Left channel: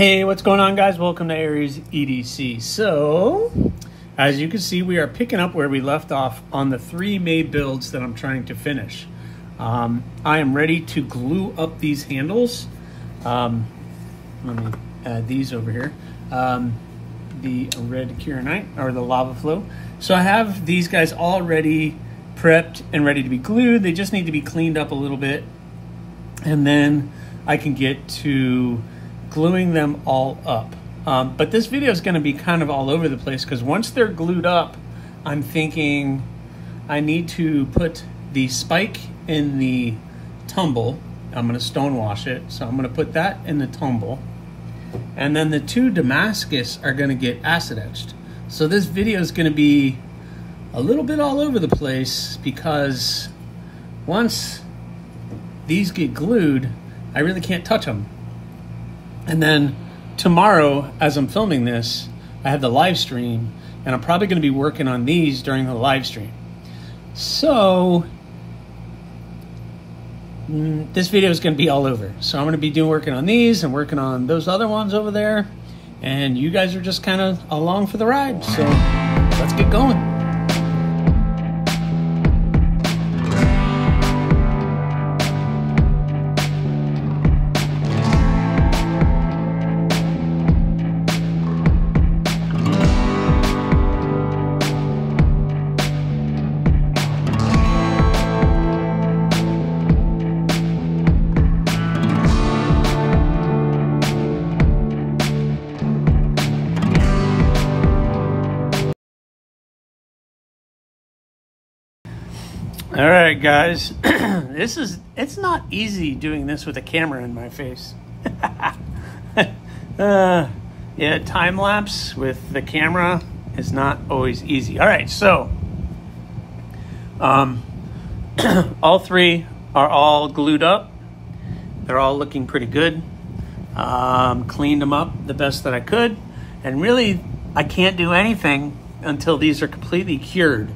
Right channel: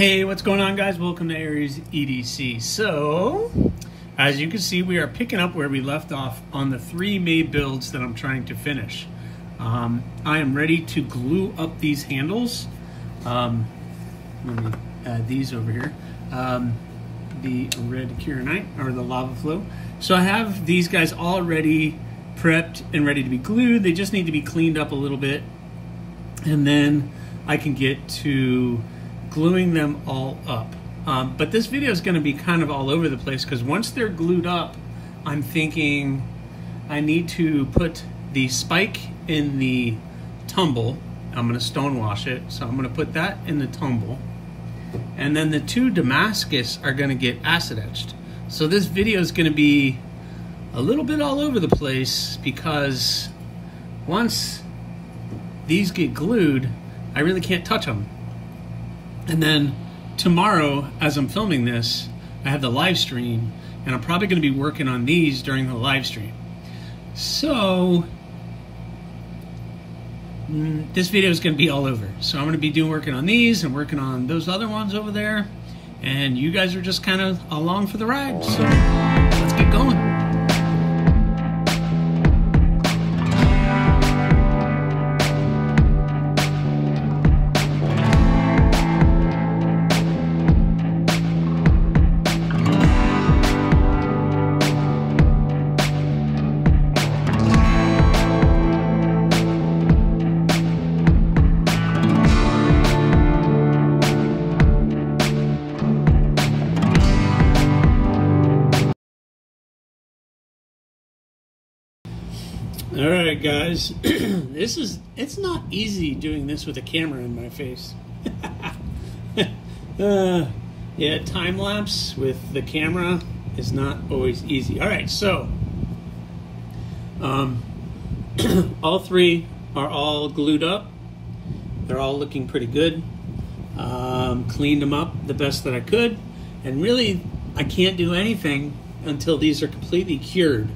Hey, what's going on, guys? Welcome to Aries EDC. So, as you can see, we are picking up where we left off on the 3 May builds that I'm trying to finish. I am ready to glue up these handles. Let me add these over here. The red Kieranite, or the lava flow. So I have these guys already prepped and ready to be glued. They just need to be cleaned up a little bit, and then I can get to gluing them all up. But this video is going to be kind of all over the place because once they're glued up, I'm thinking I need to put the spike in the tumble. I'm going to stone wash it, so I'm going to put that in the tumble, and then the 2 Damascus are going to get acid etched. So this video is going to be a little bit all over the place because once these get glued, I really can't touch them. And then tomorrow, as I'm filming this, I have the live stream, and I'm probably going to be working on these during the live stream. So this video is going to be all over. So I'm going to be working on these and working on those other ones over there, and you guys are just kind of along for the ride. So let's get going. All right, guys, it's not easy doing this with a camera in my face. Yeah, time lapse with the camera is not always easy. All right, so all 3 are all glued up. They're all looking pretty good. Cleaned them up the best that I could, and really I can't do anything until these are completely cured,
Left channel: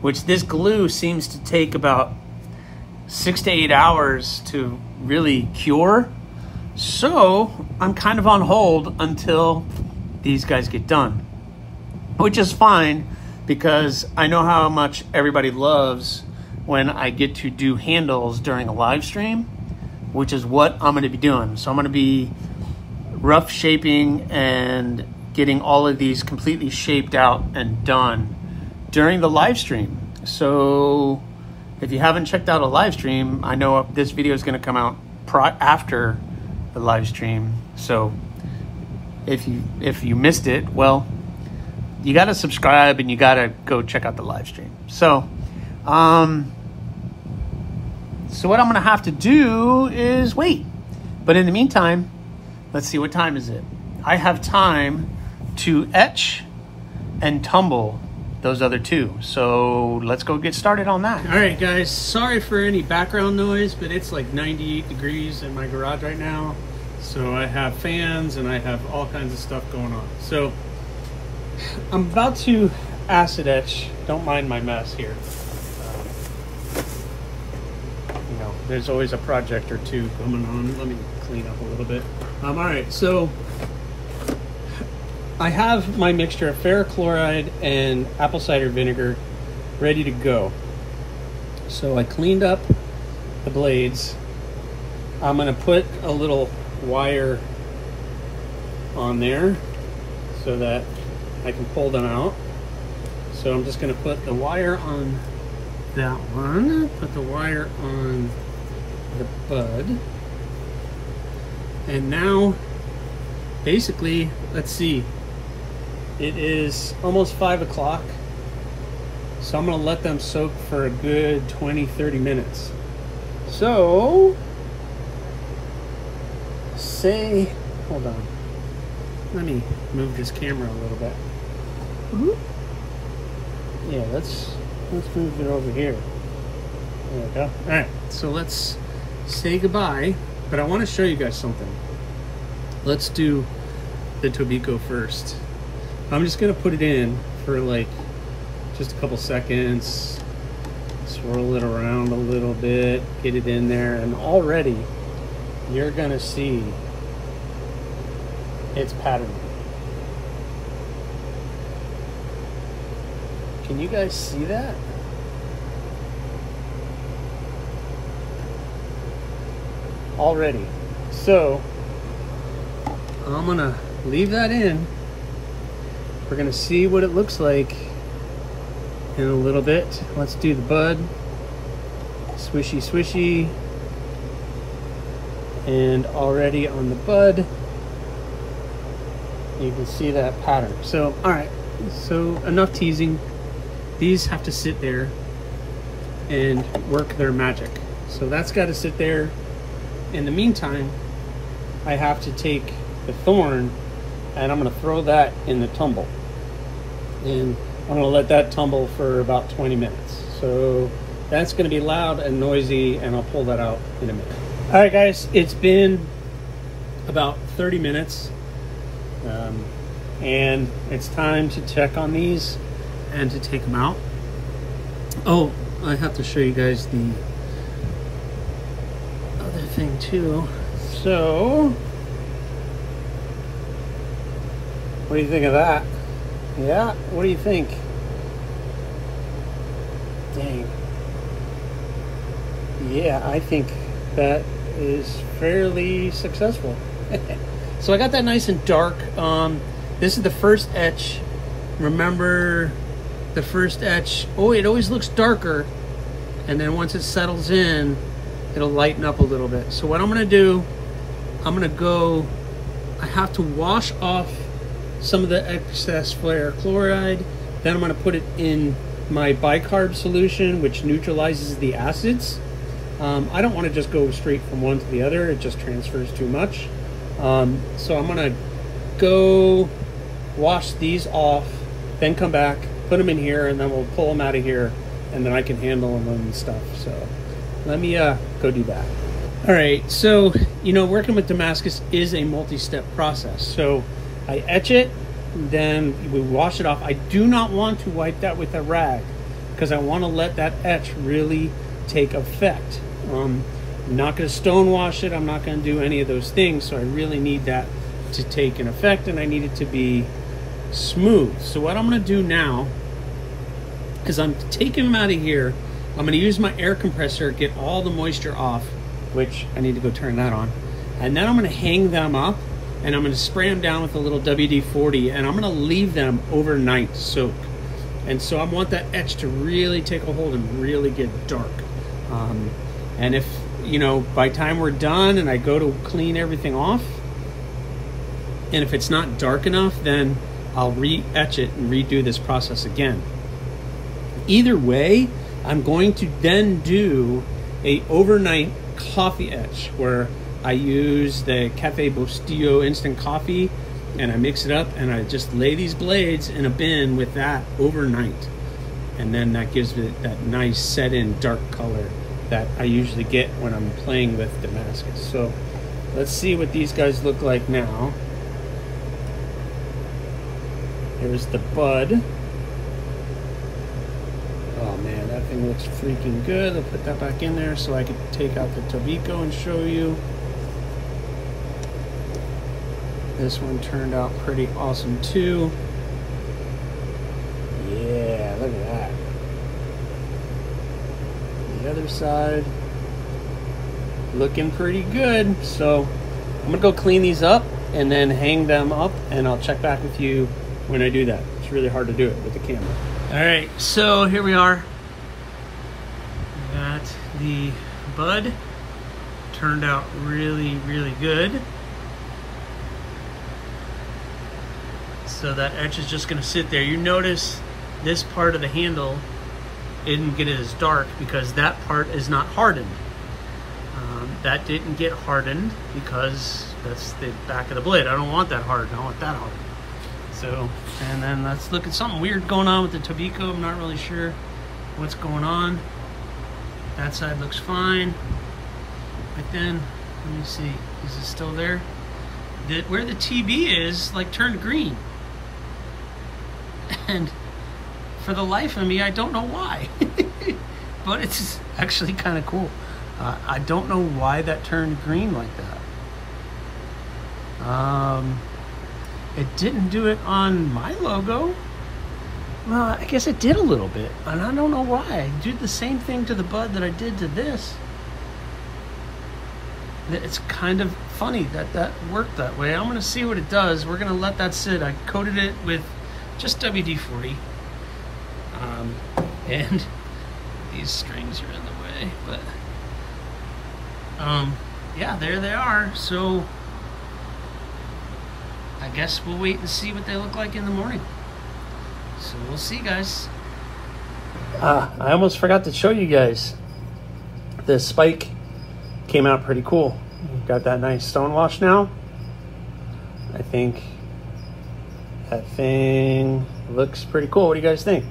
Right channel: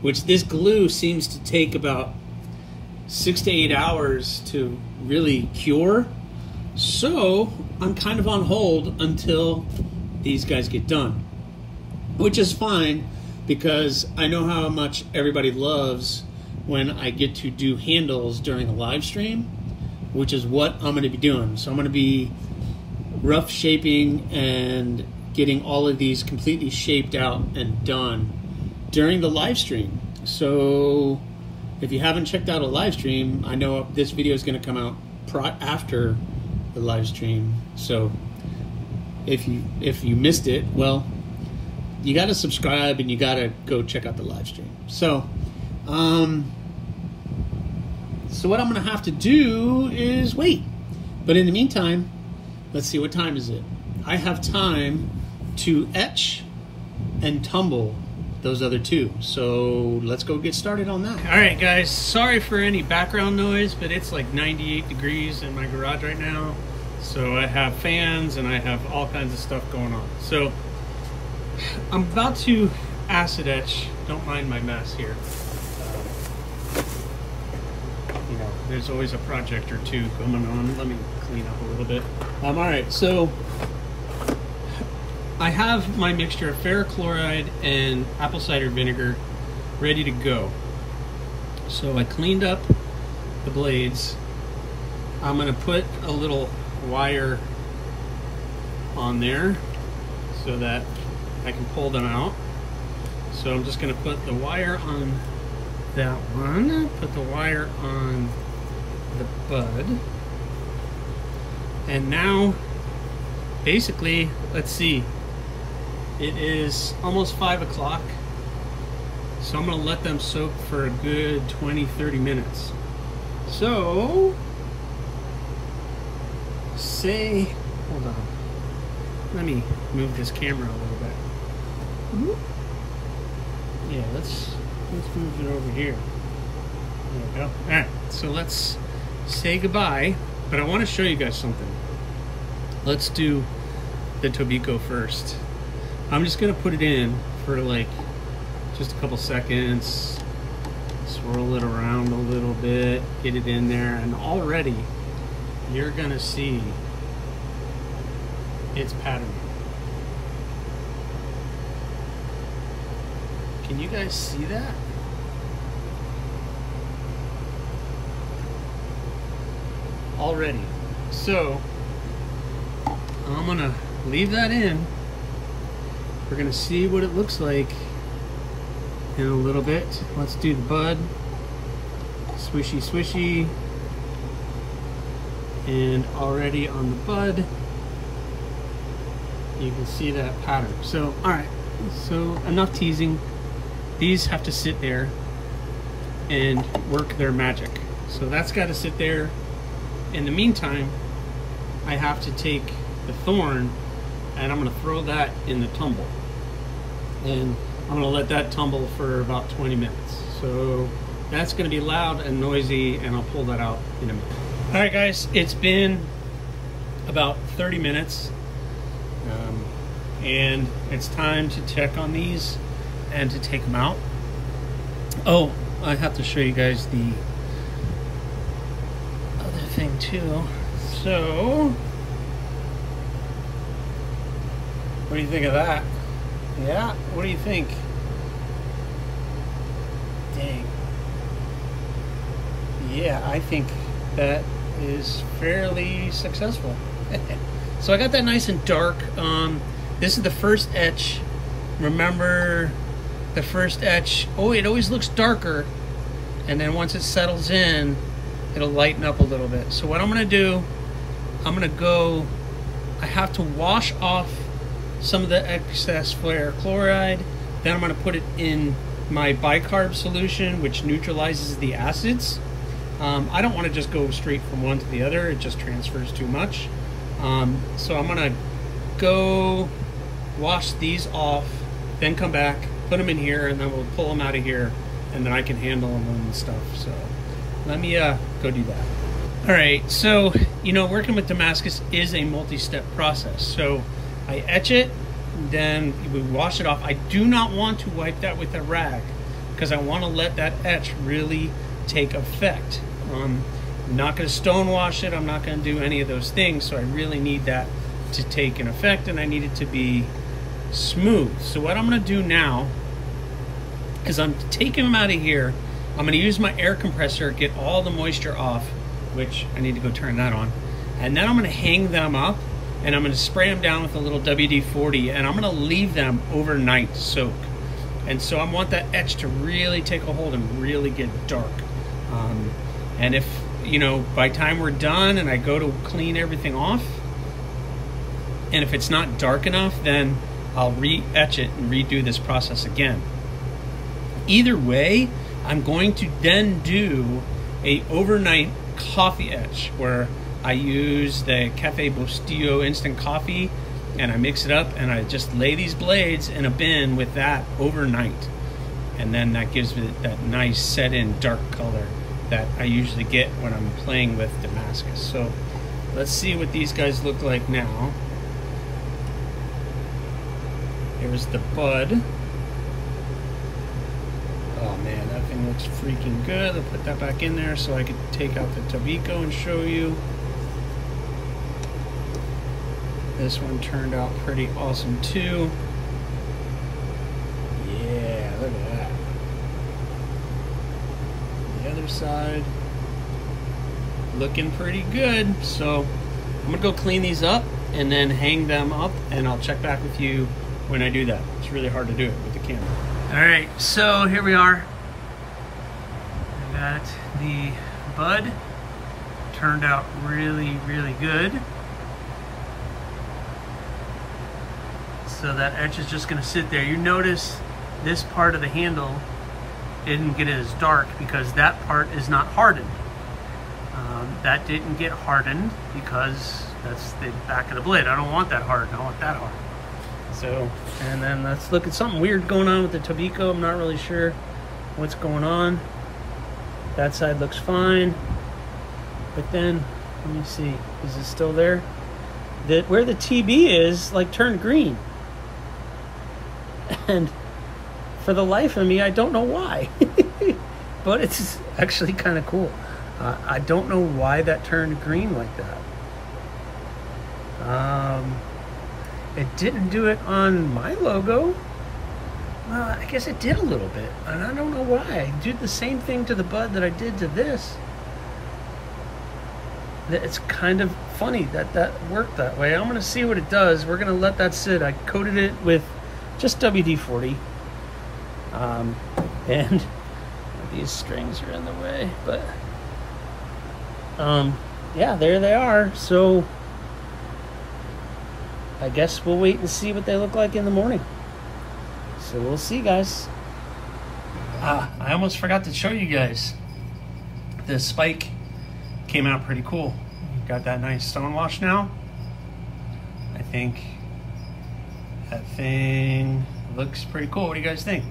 which this glue seems to take about 6 to 8 hours to really cure. So I'm kind of on hold until these guys get done, which is fine because I know how much everybody loves when I get to do handles during a live stream, which is what I'm going to be doing. So I'm going to be rough shaping and getting all of these completely shaped out and done during the live stream. So if you haven't checked out a live stream, I know this video is going to come out after the live stream. So if you missed it, well, you got to subscribe and you got to go check out the live stream. So what I'm going to have to do is wait. But in the meantime, let's see, what time is it? I have time to etch and tumble those other 2. So let's go get started on that. All right, guys, sorry for any background noise, but it's like 98 degrees in my garage right now. So I have fans and I have all kinds of stuff going on. So I'm about to acid etch. Don't mind my mess here. You know, there's always a project or 2 going on. Let me clean up a little bit. All right, so I have my mixture of ferric chloride and apple cider vinegar ready to go. So I cleaned up the blades. I'm going to put a little wire on there so that I can pull them out. So I'm just going to put the wire on that one, put the wire on the bud, and now basically, let's see, it is almost 5 o'clock, so I'm going to let them soak for a good 20-30 minutes. So, hold on, let me move this camera a little bit. Yeah, let's move it over here. There we go. All right, so let's say goodbye, but I want to show you guys something. Let's do the Tobiko first. I'm just gonna put it in for like just a couple seconds, swirl it around a little bit, get it in there, and already you're gonna see it's patterning. Can you guys see that? Already. So I'm gonna leave that in. We're gonna see what it looks like in a little bit. Let's do the bud. Swishy, swishy. And already on the bud, you can see that pattern. So, all right, so enough teasing. These have to sit there and work their magic. So that's got to sit there. In the meantime, I have to take the thorn and I'm going to throw that in the tumble. And I'm going to let that tumble for about 20 minutes. So that's going to be loud and noisy, and I'll pull that out in a minute. All right, guys, it's been about 30 minutes. And it's time to check on these and to take them out. Oh, I have to show you guys the other thing too. So, what do you think of that? Yeah, what do you think? Dang. Yeah, I think that is fairly successful. So I got that nice and dark. This is the first etch. Remember the first etch? Oh, it always looks darker. And then once it settles in, it'll lighten up a little bit. So what I'm gonna do, I have to wash off some of the excess flare chloride. Then I'm gonna put it in my bicarb solution, which neutralizes the acids. I don't wanna just go straight from one to the other. It just transfers too much. So I'm gonna go wash these off, then come back, put them in here, and then we'll pull them out of here, and then I can handle them and stuff. So let me go do that. All right, so working with Damascus is a multi-step process. So I etch it, then we wash it off. I do not want to wipe that with a rag because I want to let that etch really take effect. I'm not going to stone wash it. I'm not going to do any of those things. So I really need that to take an effect, and I need it to be smooth. So what I'm going to do now is I'm taking them out of here. I'm going to use my air compressor, get all the moisture off, which I need to go turn that on. And then I'm going to hang them up, and I'm going to spray them down with a little WD-40, and I'm going to leave them overnight to soak. And so I want that etch to really take a hold and really get dark. And if, by the time we're done and I go to clean everything off, and if it's not dark enough, then I'll re-etch it and redo this process again. Either way, I'm going to then do a overnight coffee etch where I use the Cafe Bostillo instant coffee and I mix it up and I just lay these blades in a bin with that overnight. And then that gives it that nice set in dark color that I usually get when I'm playing with Damascus. So let's see what these guys look like now. Here's the bud. Oh man, that thing looks freaking good. I'll put that back in there so I can take out the Tobacco and show you. This one turned out pretty awesome too. Yeah, look at that. The other side, looking pretty good. So I'm gonna go clean these up and then hang them up, and I'll check back with you when I do that. It's really hard to do it with the camera. All right, so here we are. I got the bud. Turned out really, really good. So that etch is just gonna sit there. You notice this part of the handle didn't get as dark because that part is not hardened. That didn't get hardened because that's the back of the blade. I don't want that hard, I want that hard. So, and then let's look at something weird going on with the Tobacco. I'm not really sure what's going on. That side looks fine. But then, let me see, is it still there? Where the TB is, turned green. And for the life of me, I don't know why. But it's actually kind of cool. I don't know why that turned green like that. It didn't do it on my logo. Well, I guess it did a little bit, and I don't know why. I did the same thing to the bud that I did to this. It's kind of funny that that worked that way. I'm gonna see what it does. We're gonna let that sit. I coated it with just WD-40. And these strings are in the way, but yeah, there they are. So I guess we'll wait and see what they look like in the morning. So we'll see, guys. I almost forgot to show you guys. The spike came out pretty cool. Got that nice stone wash now. I think that thing looks pretty cool. What do you guys think?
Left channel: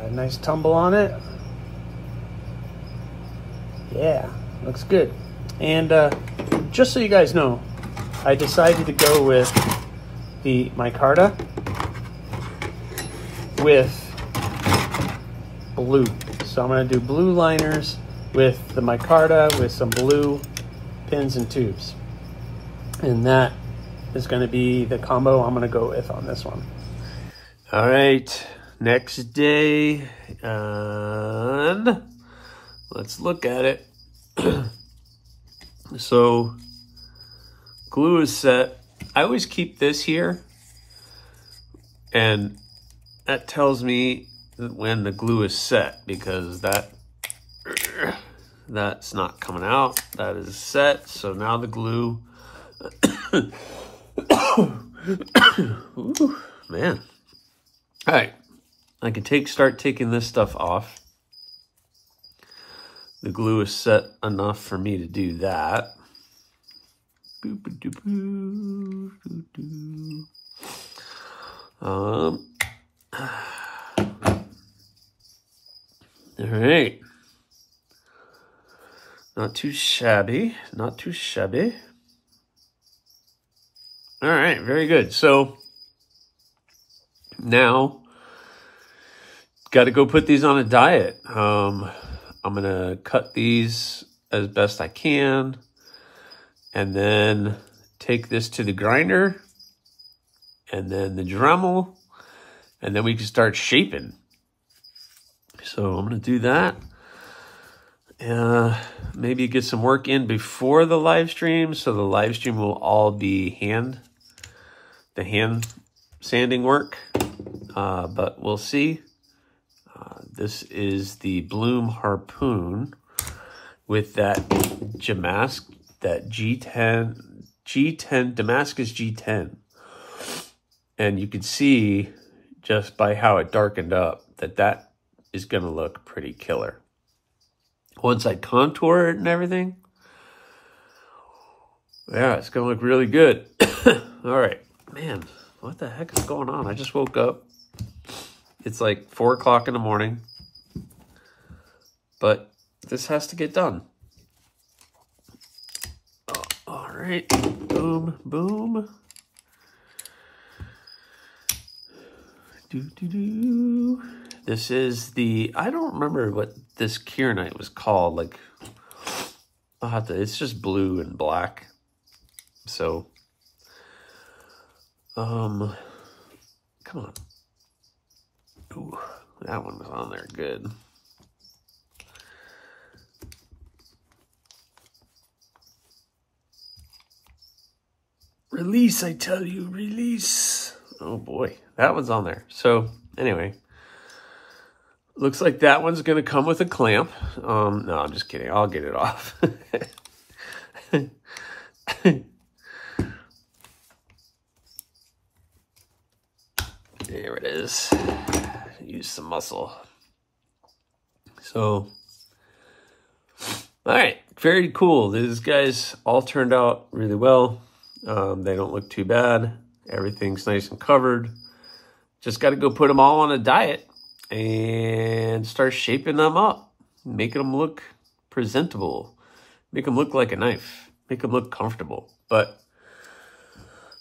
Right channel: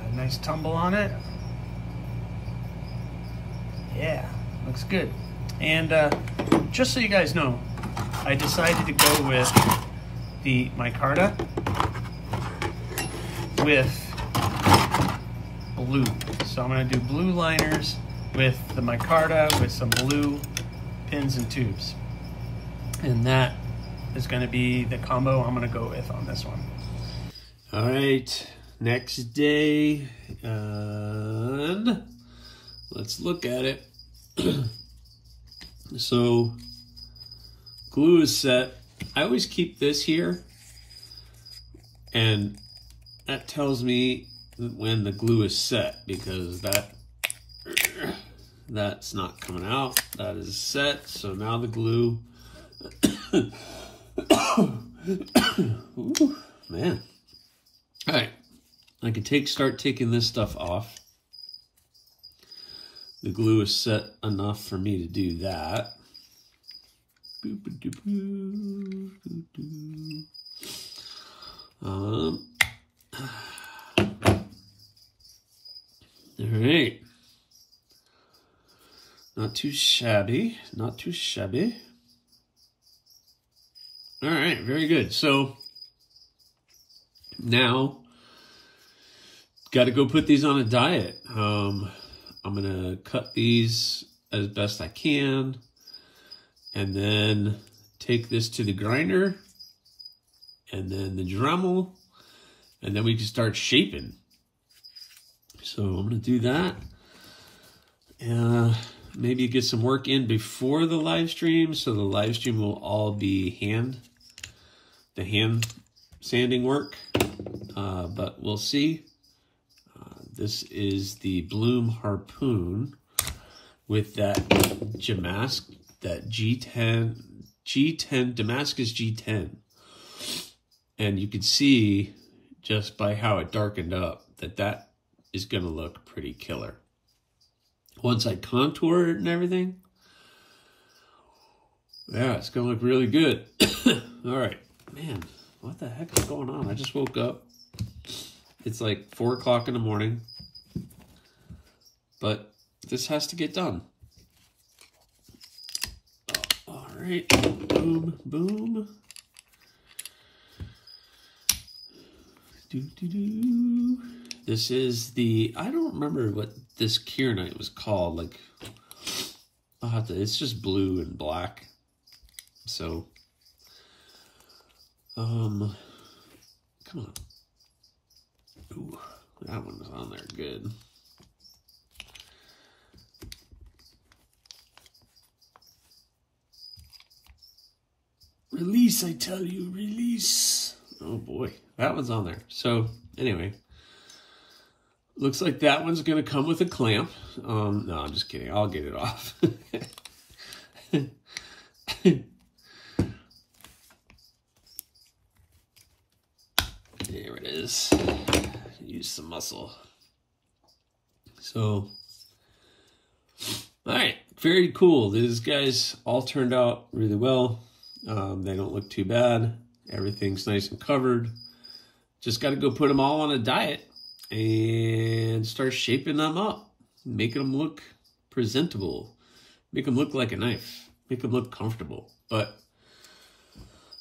Got a nice tumble on it. Yeah, looks good. And just so you guys know, I decided to go with the micarta with blue. So I'm gonna do blue liners with the micarta with some blue pins and tubes. And that is gonna be the combo I'm gonna go with on this one. All right, next day, and let's look at it. So glue is set. I always keep this here, and that tells me when the glue is set, because that's not coming out. That is set. So now the glue. Ooh, man. All right, I can start taking this stuff off. The glue is set enough for me to do that. All right. Not too shabby, not too shabby. All right, very good. So now, got to go put these on a diet. I'm gonna cut these as best I can, and then take this to the grinder, and then the Dremel, and then we can start shaping. So I'm gonna do that. Maybe get some work in before the live stream, so the live stream will all be hand sanding work, but we'll see. This is the Bloom Harpoon with that Damascus G10, and you can see just by how it darkened up that is going to look pretty killer. Once I contour it and everything, yeah, it's going to look really good. All right, man, what the heck is going on? I just woke up. It's like 4 o'clock in the morning, but this has to get done. Oh, all right, boom, boom. This is the, I don't remember what this kieranite was called. Like, I'll have to, it's just blue and black. So, come on. Ooh, that one was on there good. Release, I tell you, release. Oh boy, that one's on there. So anyway, looks like that one's gonna come with a clamp. No, I'm just kidding. I'll get it off. There it is. Use some muscle. So, all right, very cool. These guys all turned out really well. They don't look too bad. Everything's nice and covered. Just got to go put them all on a diet and start shaping them up, making them look presentable, make them look like a knife, make them look comfortable. But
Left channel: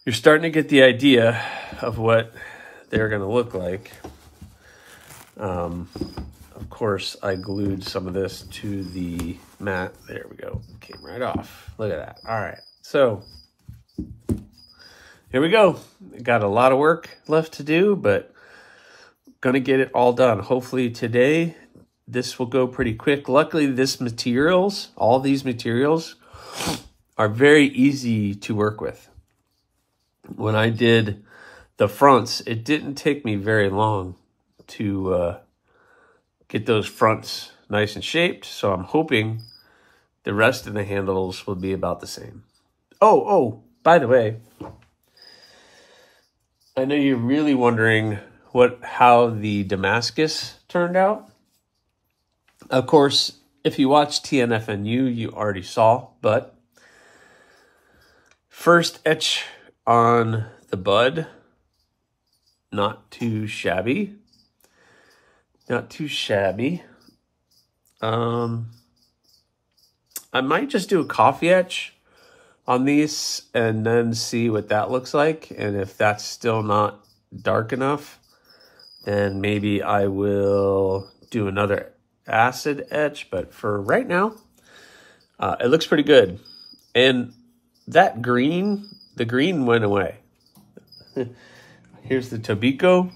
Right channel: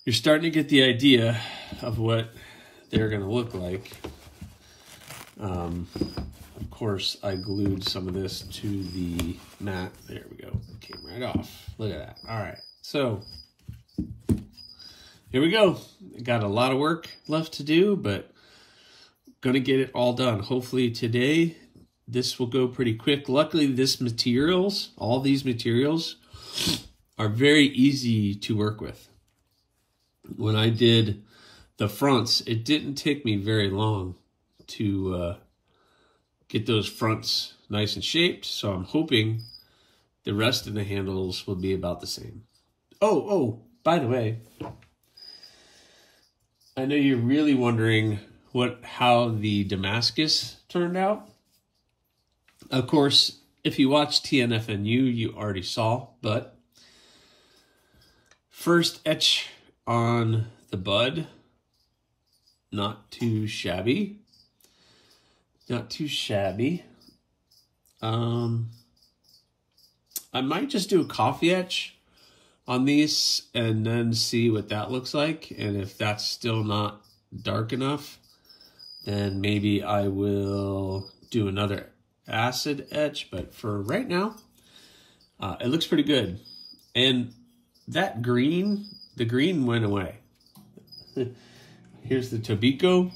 you're starting to get the idea of what they're going to look like. Of course, I glued some of this to the mat. There we go. It came right off. Look at that. All right. So here we go. Got a lot of work left to do, but gonna get it all done. Hopefully today, this will go pretty quick. Luckily, all these materials are very easy to work with. When I did the fronts, it didn't take me very long to get those fronts nice and shaped. So I'm hoping the rest of the handles will be about the same. Oh, by the way, I know you're really wondering how the Damascus turned out. Of course, if you watch TNFNU, you already saw, but first etch on the bud, not too shabby. Not too shabby. I might just do a coffee etch on these and then see what that looks like. And if that's still not dark enough, then maybe I will do another acid etch. But for right now, it looks pretty good. And that green, the green went away. Here's the Tobiko.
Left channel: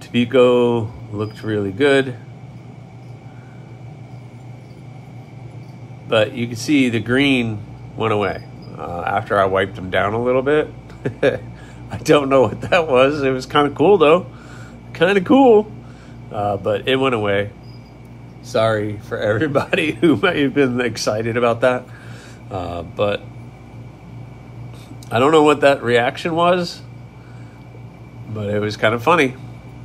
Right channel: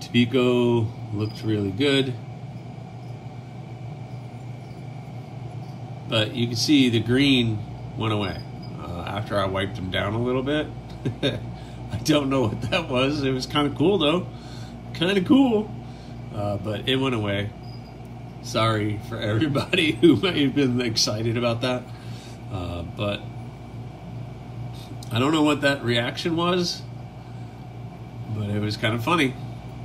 Tobiko looked really good. But you can see the green went away after I wiped them down a little bit. I don't know what that was. It was kind of cool though. Kind of cool. But it went away. Sorry for everybody who may have been excited about that. But I don't know what that reaction was. But it was kind of funny.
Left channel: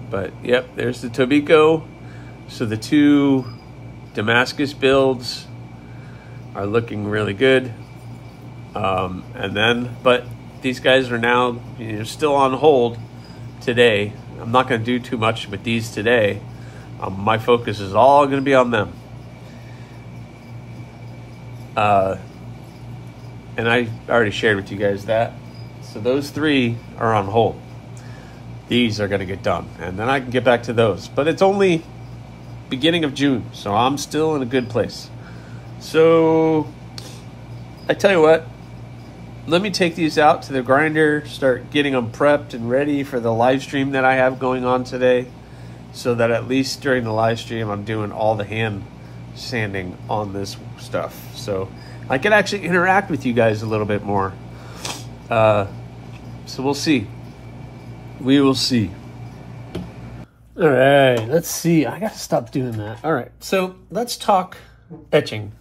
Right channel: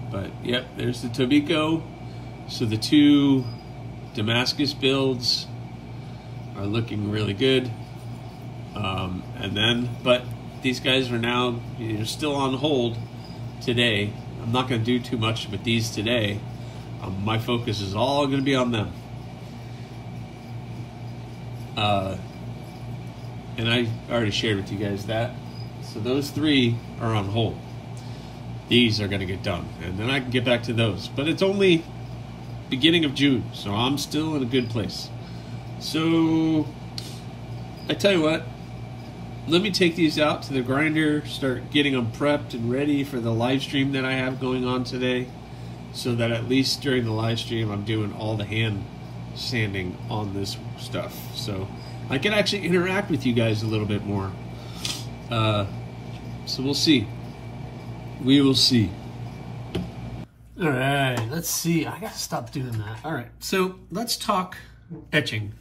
But yep, there's the Tobiko. So the two Damascus builds are looking really good. But these guys are now still on hold today. I'm not going to do too much with these today. My focus is all going to be on them. And I already shared with you guys that. So those three are on hold. These are going to get done. And then I can get back to those. But it's only beginning of June. So I'm still in a good place. So I tell you what. Let me take these out to the grinder. Start getting them prepped and ready for the live stream that I have going on today. So that at least during the live stream, I'm doing all the hand sanding on this stuff. So I can actually interact with you guys a little bit more. So we'll see. We will see. All right, let's see. I gotta stop doing that. All right, so let's talk etching.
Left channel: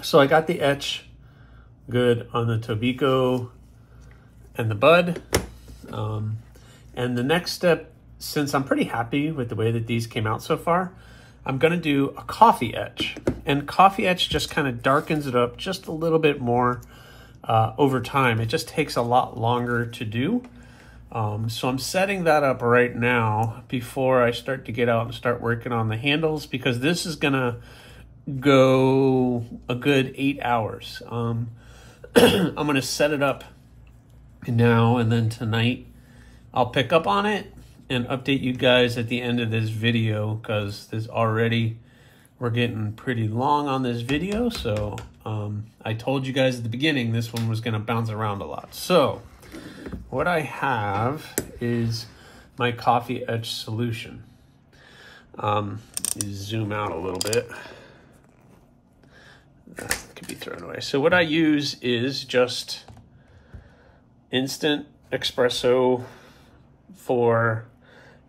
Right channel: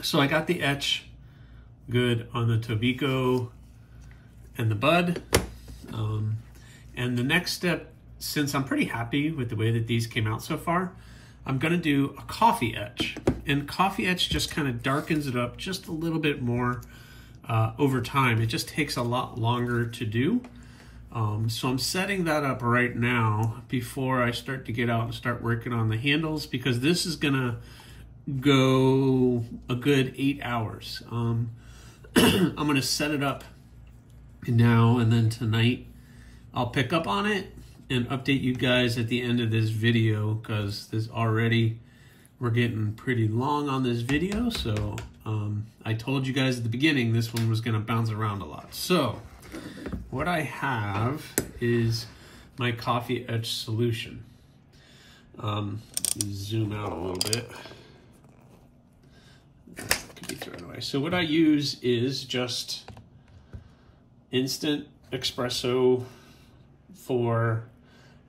So I got the etch good on the Tobiko and the bud. And the next step, since I'm pretty happy with the way that these came out so far, I'm gonna do a coffee etch. And coffee etch just kind of darkens it up just a little bit more over time. It just takes a lot longer to do. So I'm setting that up right now before I start to get out and start working on the handles, because this is gonna go a good 8 hours. I'm gonna set it up now, and then tonight I'll pick up on it and update you guys at the end of this video, because we're getting pretty long on this video. So I told you guys at the beginning this one was gonna bounce around a lot. So what I have is my coffee etch solution. Zoom out a little bit. That could be thrown away. So what I use is just instant espresso for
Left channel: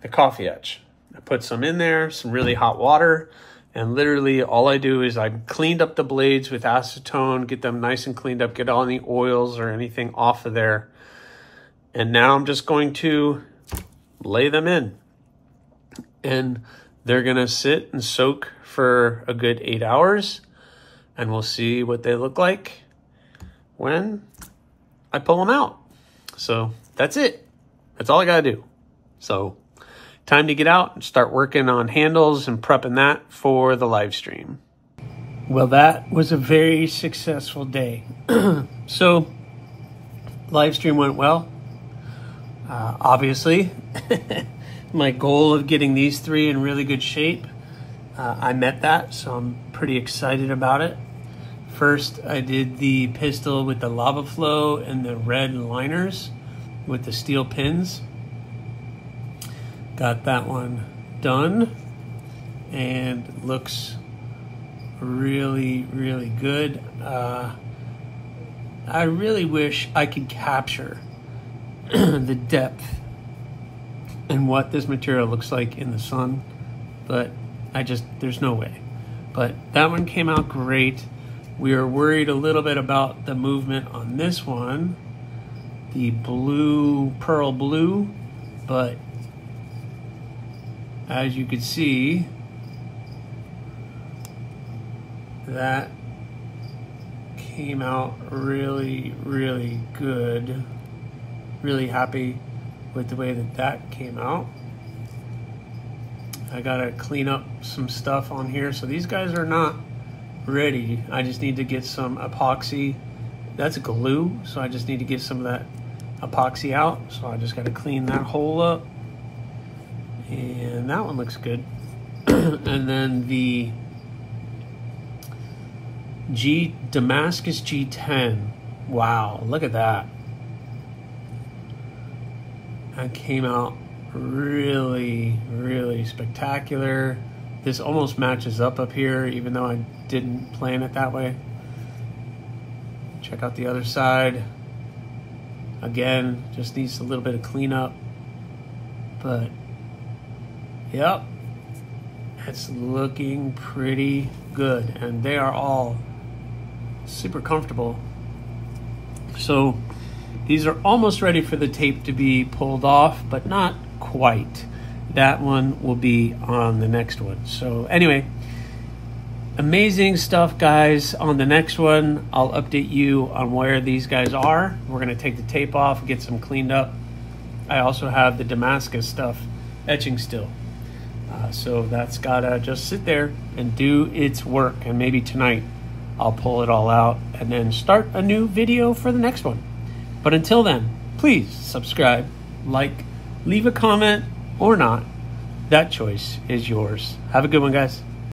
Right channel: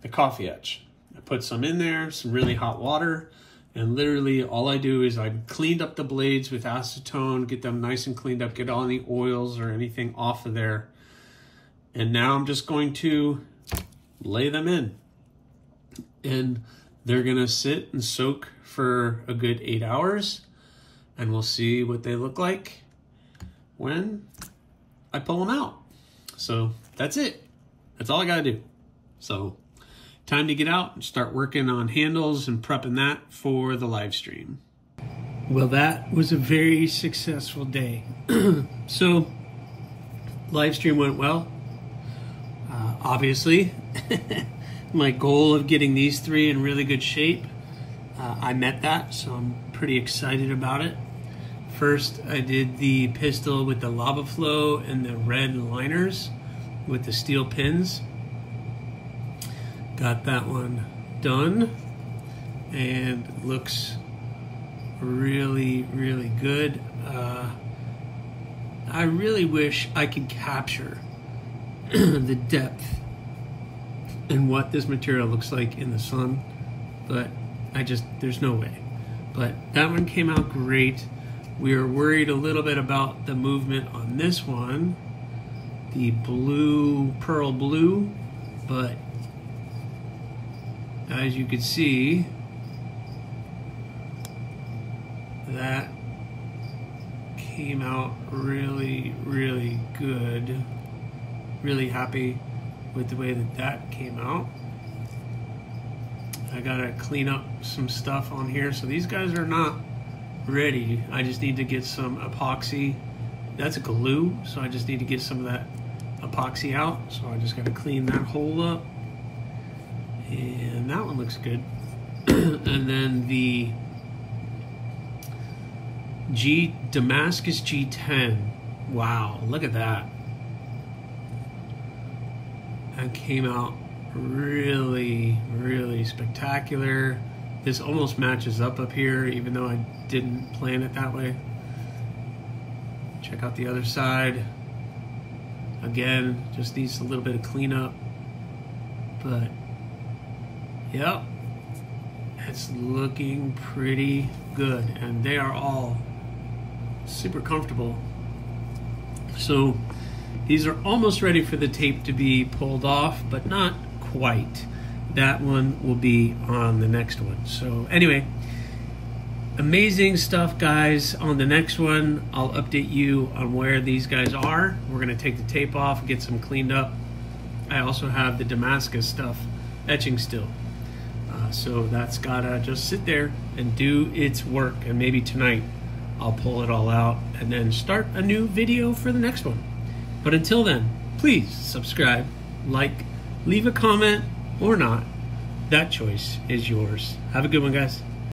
the coffee etch. I put some in there, some really hot water, and literally all I do is I cleaned up the blades with acetone, get them nice and cleaned up, get all any oils or anything off of there. And now I'm just going to lay them in. And they're gonna sit and soak for a good 8 hours. And we'll see what they look like when I pull them out. So that's it. That's all I gotta do. So time to get out and start working on handles and prepping that for the live stream. Well, that was a very successful day. So live stream went well. Obviously, my goal of getting these three in really good shape, I met that, so I'm pretty excited about it. First, I did the pistol with the lava flow and the red liners with the steel pins. Got that one done and looks really, really good. I really wish I could capture the depth and what this material looks like in the sun, but there's no way. But that one came out great. We are worried a little bit about the movement on this one, the blue, pearl blue, but as you can see, that came out really, really good. Really happy with the way that came out. I gotta clean up some stuff on here. So these guys are not ready. I just need to get some epoxy. That's glue, so I just need to get some of that epoxy out. So I just gotta clean that hole up. And that one looks good. And then the Damascus G10. Wow, look at that. That came out really, really spectacular. This almost matches up here, even though I didn't plan it that way. Check out the other side. Again, just needs a little bit of cleanup. But, yep, it's looking pretty good. And they are all super comfortable. So these are almost ready for the tape to be pulled off, but not quite. That one will be on the next one. So anyway, amazing stuff, guys. On the next one, I'll update you on where these guys are. We're gonna take the tape off, get some cleaned up. I also have the Damascus stuff etching still. So that's gotta just sit there and do its work. And maybe tonight I'll pull it all out and then start a new video for the next one. But until then, please subscribe, like, leave a comment or not. That choice is yours. Have a good one, guys.